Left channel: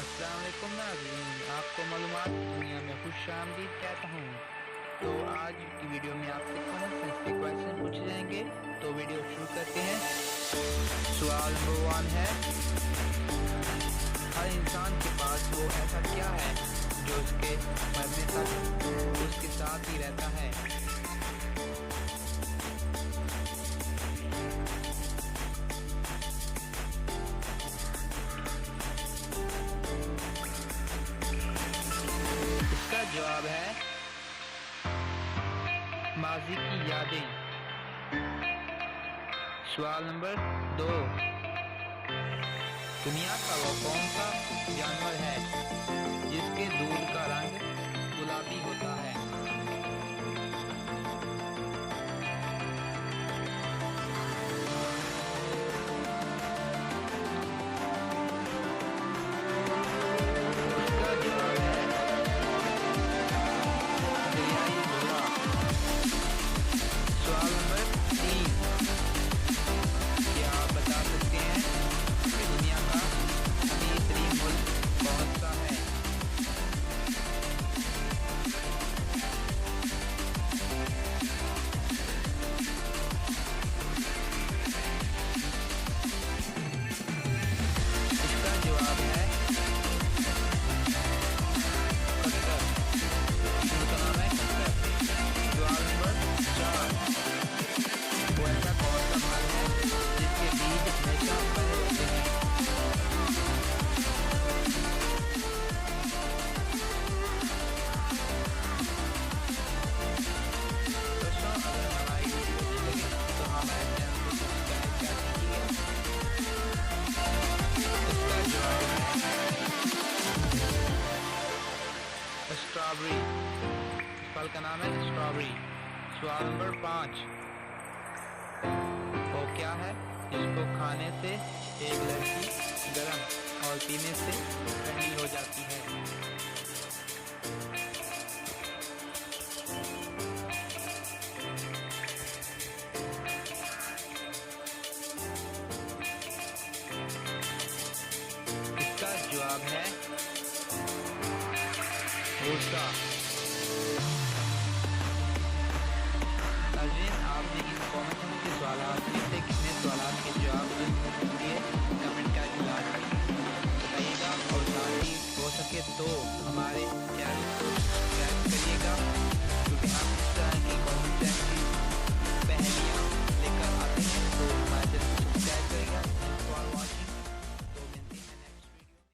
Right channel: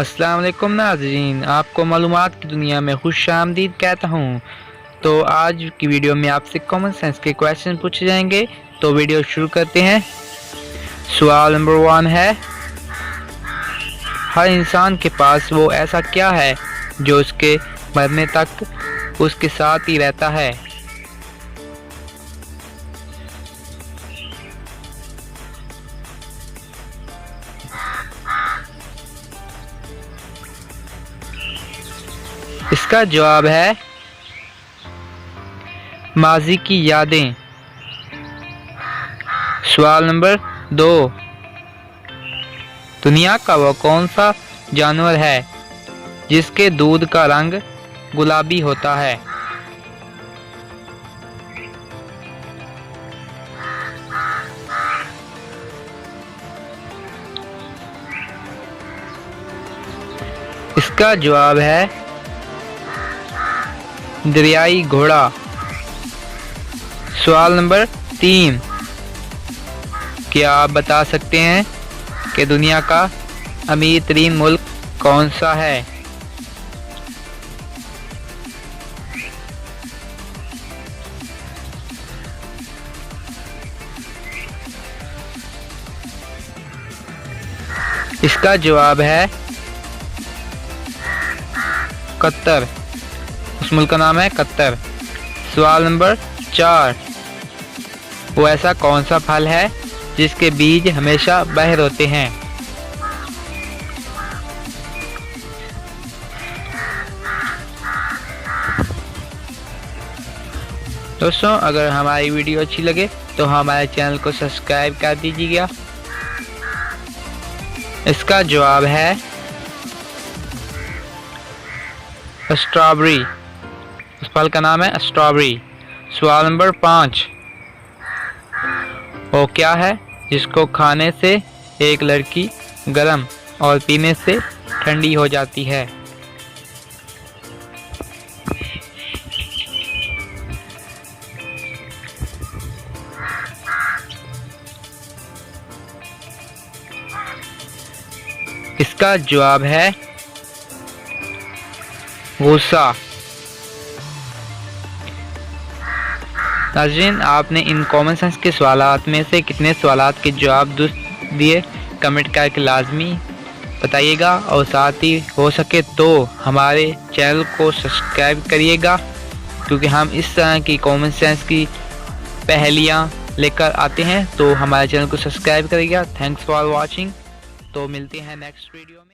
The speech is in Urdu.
السلام علیکم ناظرین، آپ کو معلومات کی دنیا میں خوش آمدید کہتا ہوں۔ تو آج کی ویڈیو میں آپ سے کامن سینس کے کویشچن پوچھے جائیں گے، تو ویڈیو شروع کرتے ہیں۔ سوال نمبر 1 ہے، ہر انسان کے پاس وہ ایسا کیا ہے جو اس کے مرنے تک اس کے ساتھ ہی رہتا ہے؟ اس کا جواب ہے ماضی کی یادیں۔ سوال نمبر 2، دنیا کا وہ کون سا جانور ہے جس کے دودھ کا رنگ گلابی ہوتا ہے؟ اس کا جواب ہے دریائی گھوڑا۔ سوال نمبر 3، کیا آپ بتا سکتے ہیں کہ دنیا کا امیر ترین ملک کون سا ہے؟ اس کا جواب ہے قطر۔ اس ملک کا نام ہے قطر۔ سوال نمبر 4، وہ ایسا کون سا پھل ہے جس کے بیج ہمیشہ باہر ہوتے ہیں؟ دوستوں، اگر ہماری ویڈیو اچھی لگے تو ہمارے چینل کو سبسکرائب کر دیجیے گا۔ اس کا جواب ہے اسٹرابری۔ اس پھل کا نام ہے اسٹرابری۔ سوال نمبر 5، وہ کیا ہے جس کو کھانے سے ایک لڑکی گرم اور پینے سے ٹھنڈی ہو جاتی ہے؟ اس کا جواب ہے غصہ۔ ناظرین، آپ نے ان کامن سینس کے سوالات میں سے کتنے سوالات کے جواب درست دیے کمنٹ کر کے لازمی بتائیے گا، اور ساتھ ہی ہو سکے تو ہمارے چینل کو سبسکرائب کریے گا، کیونکہ ہم اس طرح کی کامن سینس کی پہلیاں لے کر آتے ہیں۔ تو ہمارے چینل کو سبسکرائب کریے گا۔ Thanks for watching. تو ملتے ہیں نیکسٹ ویڈیو میں۔